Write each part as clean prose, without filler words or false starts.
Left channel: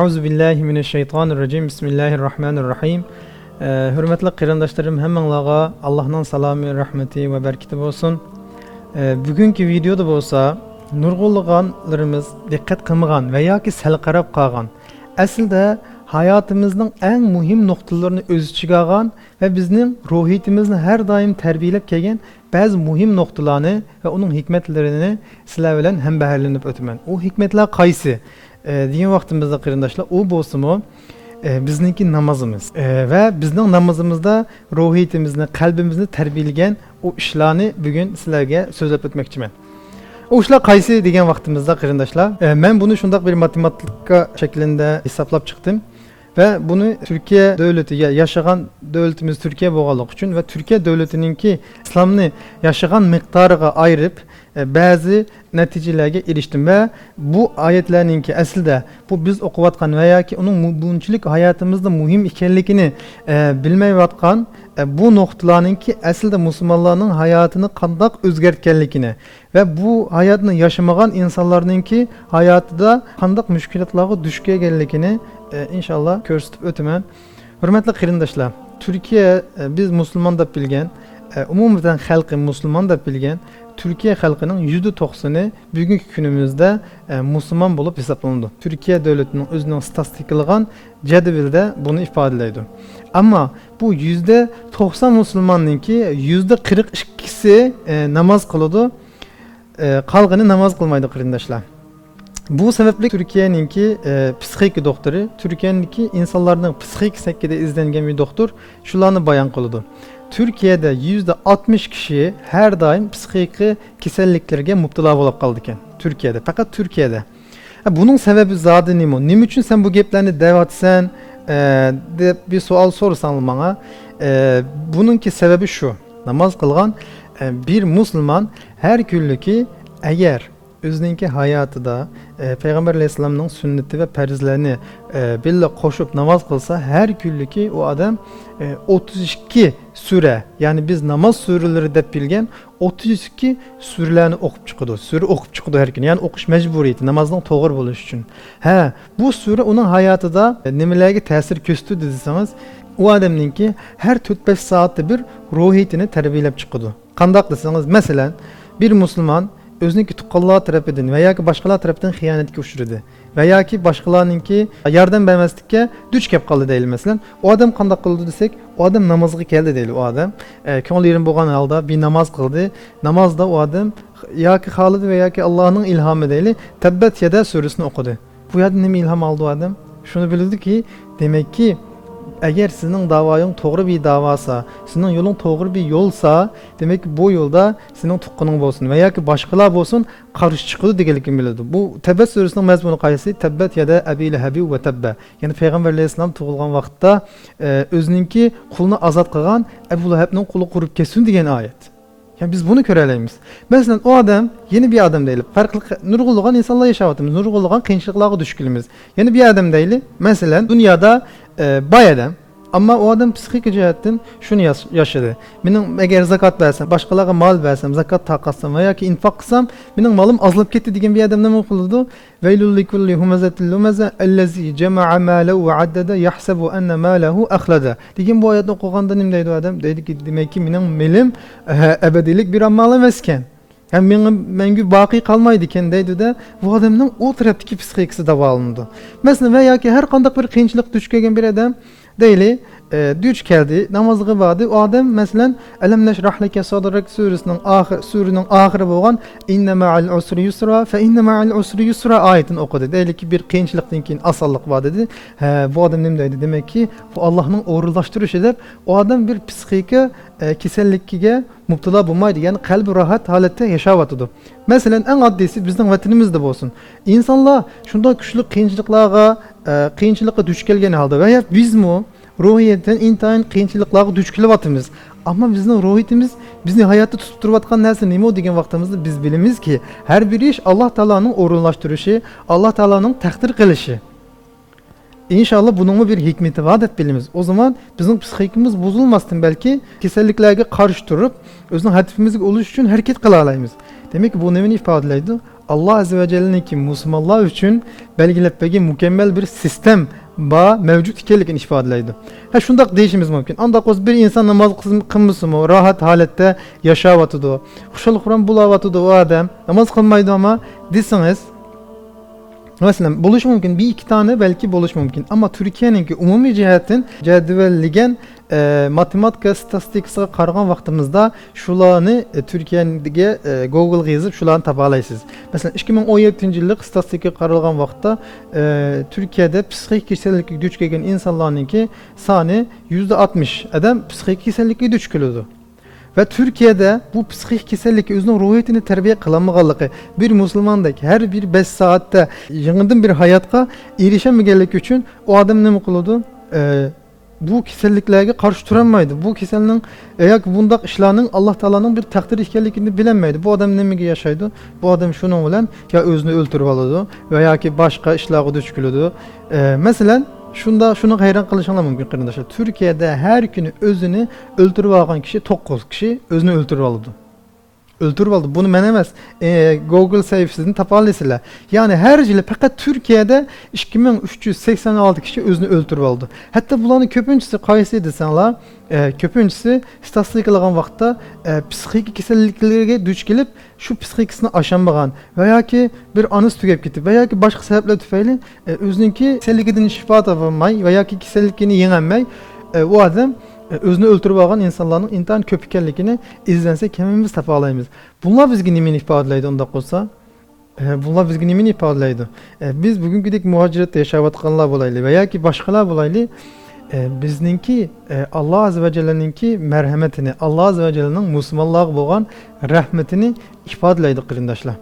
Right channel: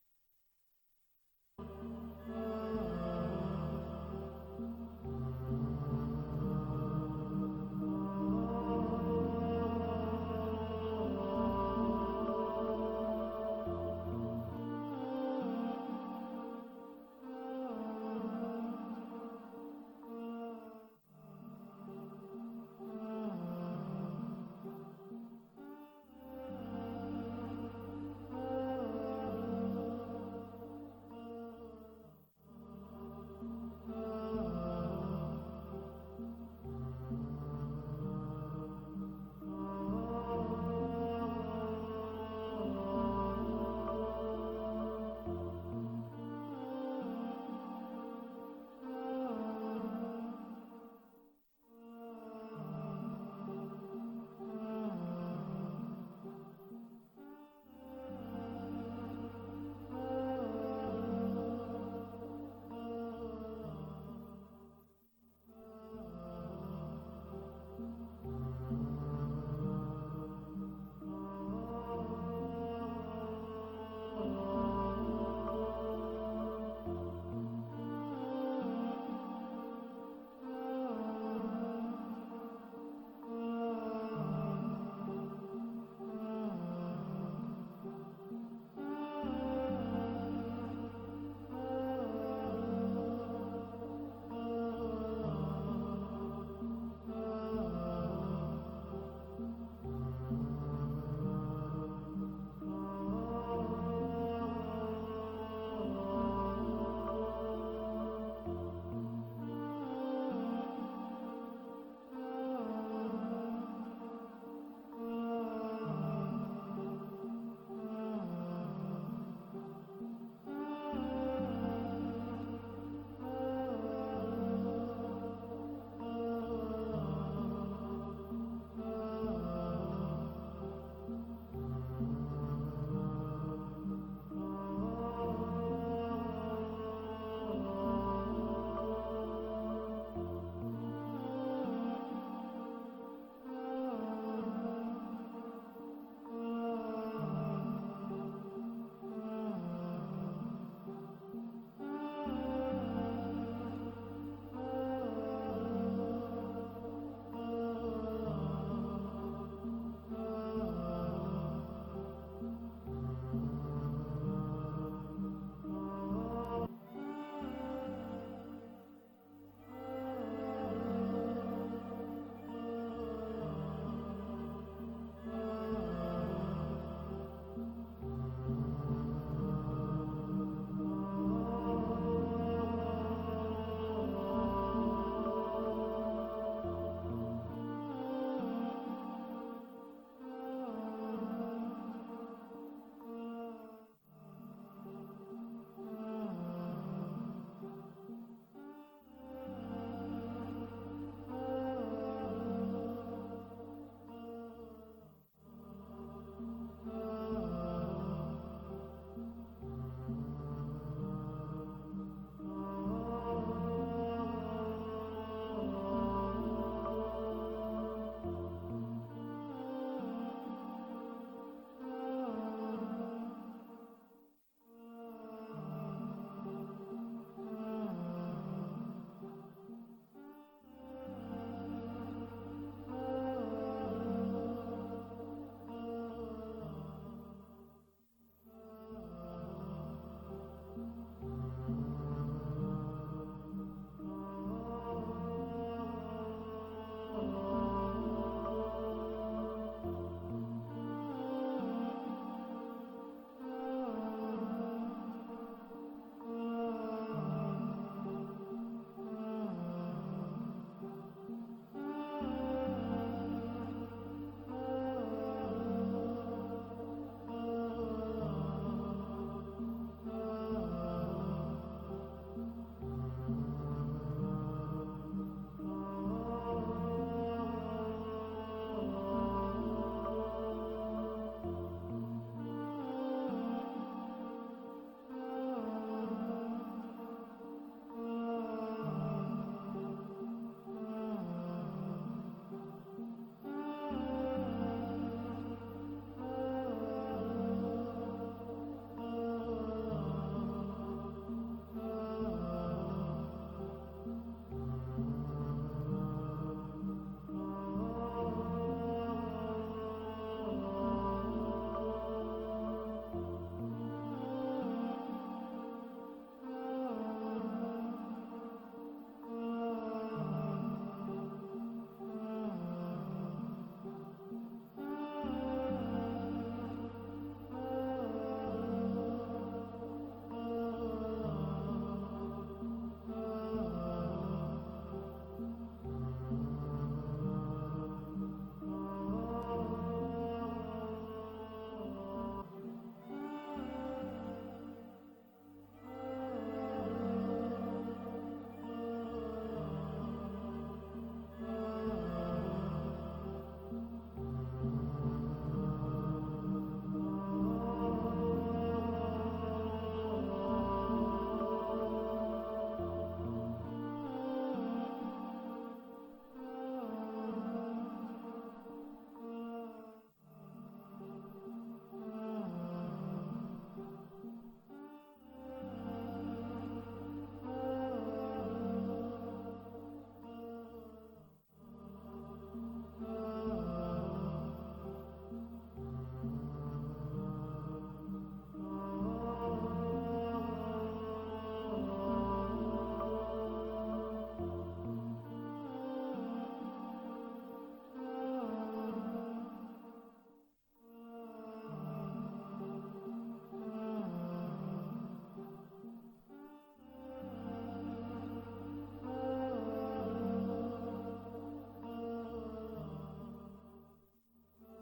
Euzu billahi mineşşeytanirracim. Bismillahirrahmanirrahim. Hürmetli kırandaşlarım, hemmenlağa Allah'ın salamı, rahmeti ve bereketi olsun. Bugünkü videoda bolsa nurgulluğanlarımız dikkat kılmagan veya ki sel qarab qalgan. Aslında hayatımızın en mühim noktalarını öz içine algan ve bizning ruhiyetimizni her daim terbiyelep kelgan bazı mühim noktalarını ve onun hikmetlerini sizlar bilan hem baharlanıp ötümen. O hikmetler qaysi? Degan vaqtimizda qarindoshlar, u bo'lsa-mu bizniki namazımız ve bizning namazımızda ruhiyetimizni, qalbimizni tarbiyalagan o ishlarni bugun sizlarga so'zlab o'tmoqchiman. O ishlar qaysi degan vaqtimizda qarindoshlar, men buni shundoq bir matematika shaklida hisoblab chiqdim ve bunu Türkiye devletiga, yaşagan devletimiz Türkiye bo'lganligi uchun ve Türkiye devletininki İslamni yaşagan miqdoriga ayırıp bazı neticelerge eriştim ve bu ayetlerninki aslında bu biz okuyatkan veya ki onun bunçilik hayatımızda mühim ikenlikini bilmeyatkan bu noktalarınki aslında Müslümanların hayatını kandak özgertkenlikini ve bu hayatını yaşamagan insanlarınki hayatıda kandak müşkilatlara düşkegenlikini inşallah gösterip ötümen. Hürmetli kırındaşlar, Türkiye biz Müslüman da bilgen, umumdan halkı Müslüman da bilgen, Türkiye halkının %90'ı bugünkü günümüzde Müslüman bulup hesaplandı. Türkiye devletinin özünün statistikalıgan cedvelde bunu ifade ediyor. Ama bu %90 Müslümanınki %42'si namaz kılıdı, kalgını namaz kılmaydı kırındaşlar. Bu sebeple Türkiye'ninki psikik doktoru, Türkiye'ninki insanların psikik sekide izlengen bir doktor şularını bayan kılıdı. Türkiye'de %60 kişi her daim psikik keselliklerge mubtala bolup kaldı iken. Türkiye'de, fakat Türkiye'de. Bunun sebebi zaten nimo? Nim için sen bu geplerini devatsen de bir sual sorsan bana. Bununki sebebi şu. Namaz kılgan bir Müslüman her günlüki eğer özünki hayatıda Peygamber Aleyhisselam'ın sünneti ve perizlerini bille koşup namaz kılsa her günlüki o adam 32 süre, yani biz namaz süreleri de bilgen 32 sürelerini okup çıkıyordu. Süre okup çıkıyordu her gün. Yani okuş mecburiyeti namazdan doğru buluş için. Bu süre onun hayatıda nemelerge tesir köstü dediyseniz o adamınki her 4-5 saatte bir ruhiyetini terbiyelep çıkıyordu. Kandak deseniz mesela bir Müslüman özünki tuqqanlar tarafından veya ki başkalar tarafından hıyanetke uçurdu. Veya ki başkalarınki yardım vermezlikке düç kep kaldı değil mesela. O adam kandak kıldı desek, o adam namazı geldi değil o adam. Köngül yerin boğan halda bir namaz kıldı. Namazda o adam ya ki Halid veya ki Allah'ın ilhamı değil, Tebbet Yeda suresini okudu. Bu ya ne mi ilham aldı o adam? Şunu bildi ki demek ki eğer sizin davayın doğru bir davasa, sizin yolun doğru bir yolsa, demek ki bu yolda sizin tuqqanın olsun veya ki başkalar olsun karşı çıkıdı diyelim bilirdi. Bu Tebbet suresinin mezmunu qaysı? Tebbet Yeda Ebi Lehebi ve Tebbe. Yani Peygamber Aleyhisselam tuğulgan vaxtda özününki kulunu azat kılgan Ebu Leheb'nin kulu kurup kesin diyen ayet. Yani biz bunu köreleyimiz. Mesela o adam yeni bir adam değil. Farklı nurgulluğan insanlar yaşavatımız, nurgulluğan kıyınçılıklara düşkülümüz. Yeni bir adam değil. Mesela dünyada bay adam. Ama o adam psikik cihetten şunu yaşadı. Benim eğer zakat versem, başkalarına mal versem, zakat takatsam veya ki infak kılsam, benim malım azılıp gitti diyen bir adam ne okuludu? Veylul likulli humezetil lumeze ellezi cema'a mâlehu ve addede yahsebu enne mâlehu ahlada. Diyen bu ayetini okuyanda nemdeydi o adam? Dedi ki demek ki benim melim ebedilik bir ammal emezken. Yani benim baki kalmaydı kendiydi de bu adamın o taraftaki psikikisi de alındı. Mesela veya ki her kandak bir kıyınçılık düşkegen bir adam değil, düç geldi, namazı kıldı. O adam mesela Elem neşrah leke sadrak surenin ahiri boğan inne ma'al usri yusra fe inne ma'al usri yusra ayetini okudu. Değil ki bir kıyınçılıktan asallık var dedi. Bu adam nemdeydi? Demek ki bu Allah'ın uğurlaştırışı eder. O adam bir psikike kesellikkiga mubtala bulmaydı. Yani kalbi rahat halette yaşavatıdı. Mesela en addisi bizden vatanimizde olsun. İnsanlar şunda güçlü kıyınçılıkla düş gelgen halde veya biz mi ruhiyetten intayin kıyınçılıklara düş kelevatımız. Ama bizim ruhiyetimiz bizni hayatta tutup duruvatkan nersi neymi o degen vaktimizde biz bilimiz ki her bir iş Allah Teala'nın orunlaştırışı, Allah Teala'nın takdir kılışı. İnşallah bunun bir hikmeti var hep bilimiz. O zaman bizim psikikimiz bozulmasın belki keselliklerge karşı durup özünün hedefimizi oluş için hareket kılalayımız. Demek ki bu nemin ifadeleydi. Allah Azze ve Celle'ninki Müslümanlar için belgilep mükemmel bir sistem mevcut ikenligini ifadelaydı. Ha şundaq deyişimiz mümkün. Andaq öz bir insan namaz kılmısı mı, rahat halette yaşavatıdı. Huşalık Kur'an bulavatıdı o adam. Namaz kılmaydı ama desiniz. Mesela buluş mümkün. Bir iki tane belki buluş mümkün. Ama Türkiye'ninki umumi cihetin cedvelligen matematika statistikasına qarğan vaqtimizda şularni Türkiye'deki Google'ga yazıp şularni tapalaysınız. Mesela 2017 yıllık statistika qaralgan vaqtda Türkiye'de psixik kasallikka duch kelgan insonlarninki soni %60 adam psixik kasallikka duch keladi. Ve Türkiye'de bu psixik kasallik özünün ruhiyetini terbiye kılamıqanlığı bir Müslümandaki her bir 5 saatte yığındın bir hayatqa erişemegənlik üçün o adam ne kılıdı? Bu kasalliklarga qarşı turanmaydı. Bu kasalning yoki bundaq ishlarning Alloh taoloning bir taqdir ekanligini bilinmaydi. Bu adam nimaga yashaydi? Bu adam shuning bilan ya o'zini o'ltirib oladi va yoki boshqa ishlarga duch keladi. Masalan, şunu hayran qilishinglar mumkin qarindoshlar. Türkiye'de her günü özünü öldürüp algan kişi 9 kişi özünü öldürüp aldı. Öldürüp aldı. Bunu men emas, Google sayfasını tapalaysizlar. Yani her yıl fakat Türkiye'de 2386 kişi özünü öldürüp aldı. Hatta bulanın köpüncüsü qaysı desenler, köpüncüsü statistikaлаган vaqtda psixik kasalliklarga duch kelip şu psixikasini aşamagan veya ki bir anıs tugab ketip veya ki başka sebepler tufayli özününki kasalligidan şifa tapamay veya ki kasallikini yengolmay o adam özünü öldürüp algan insanların intan köp ekanligini izlensek hemimiz tapalaymiz. Bunlar bizge nimeni ifadelaydi undaq bolsa? Bunlar bizge nimeni ifadelaydi? Biz bugünküdek muhaciratda yaşayatqanlar bolaylı veya ki başkalar bolaylı bizninki Allah Azze ve Celle'ninki merhametini, Allah Azze ve Celle'nin Müslümanlığa boğan rahmetini ifadelaydı qarindoshlar.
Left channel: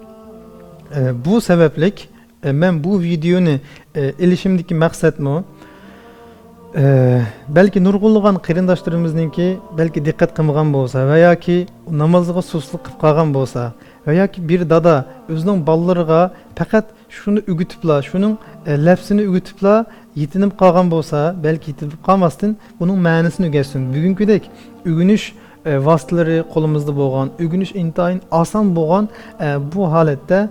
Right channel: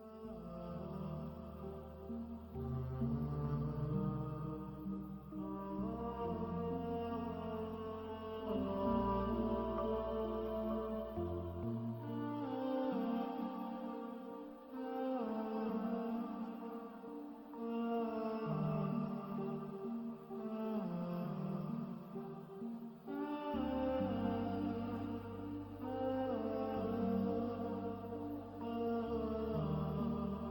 Bu sebeplik men bu videoni ilişimdeki maksat mı? Belki nurgulluğun qarindoshlarimizningki belki dikkat qilmagan bo'lsa veya ki namozga susluq qilib qolgan bo'lsa veya ki bir dada o'zining bolalariga faqat shuni o'gitibla, shuning lafzini o'gitibla yetinib qolgan bo'lsa, belki yetinib qolmasdan buning ma'nosini o'rgatsin. Bugünküdek o'ginish vositalari qo'limizda bo'lgan, o'ginish intayin oson bo'lgan bu holatda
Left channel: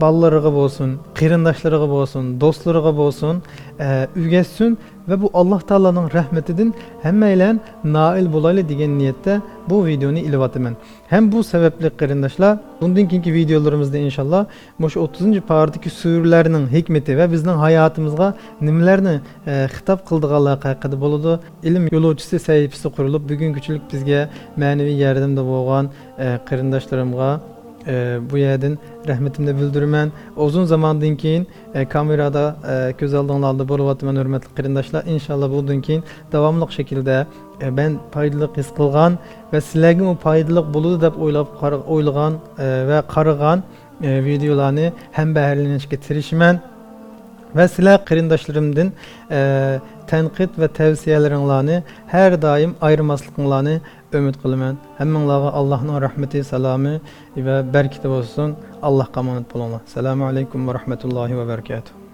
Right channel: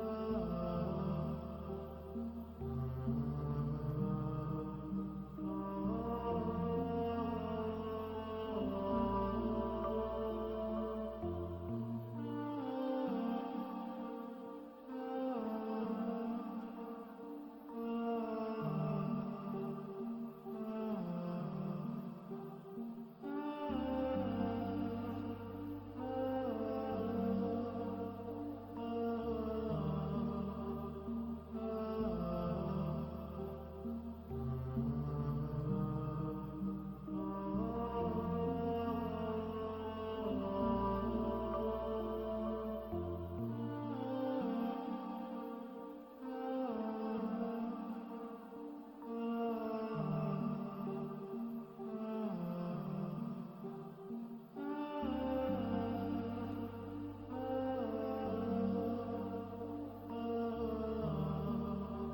ballarıga bolsun, qarindoshlarıga bolsun, dostlarıga bolsun, ügetsin ve bu Allah Taala'nın rahmetinden hemmeyle nail bolaylı degan niyette bu videoni ilavatımen. Hem bu sebeple qarindoshlar, bundan keyingi videolarımızda inşallah şu 30. pardaki surlarning hikmeti ve bizning hayatımızga nimalarni hitap qildiganligi haqida bo'ladi. Ilm yo'lovchisi sayfasi qurilib, bugungichilik bizga ma'naviy yordamda bo'lgan qarindoshlarımga bu yerden rahmetimde bildirmen. Uzun zamandan keyin kamerada göz aldığınızda buluvatman hürmetli qarindoshlar. İnşallah bundan keyin davamlı şekilde ben faydalı his qilgan ve sizlarga o faydalı buludu deb o'ylagan ve qaragan videolarni hem baharlanishga tirishman. Ve sizlar qarindoshlarimdan tanqid ve tavsiyalaringlarni her daim ayırmaslıklarını ümit qilaman. Hammanglarga Allohning rahmeti, salami ve bereketi olsun. Allah emanet bo'linglar. Assalomu alaykum ve rahmetullahi ve berekatuhu.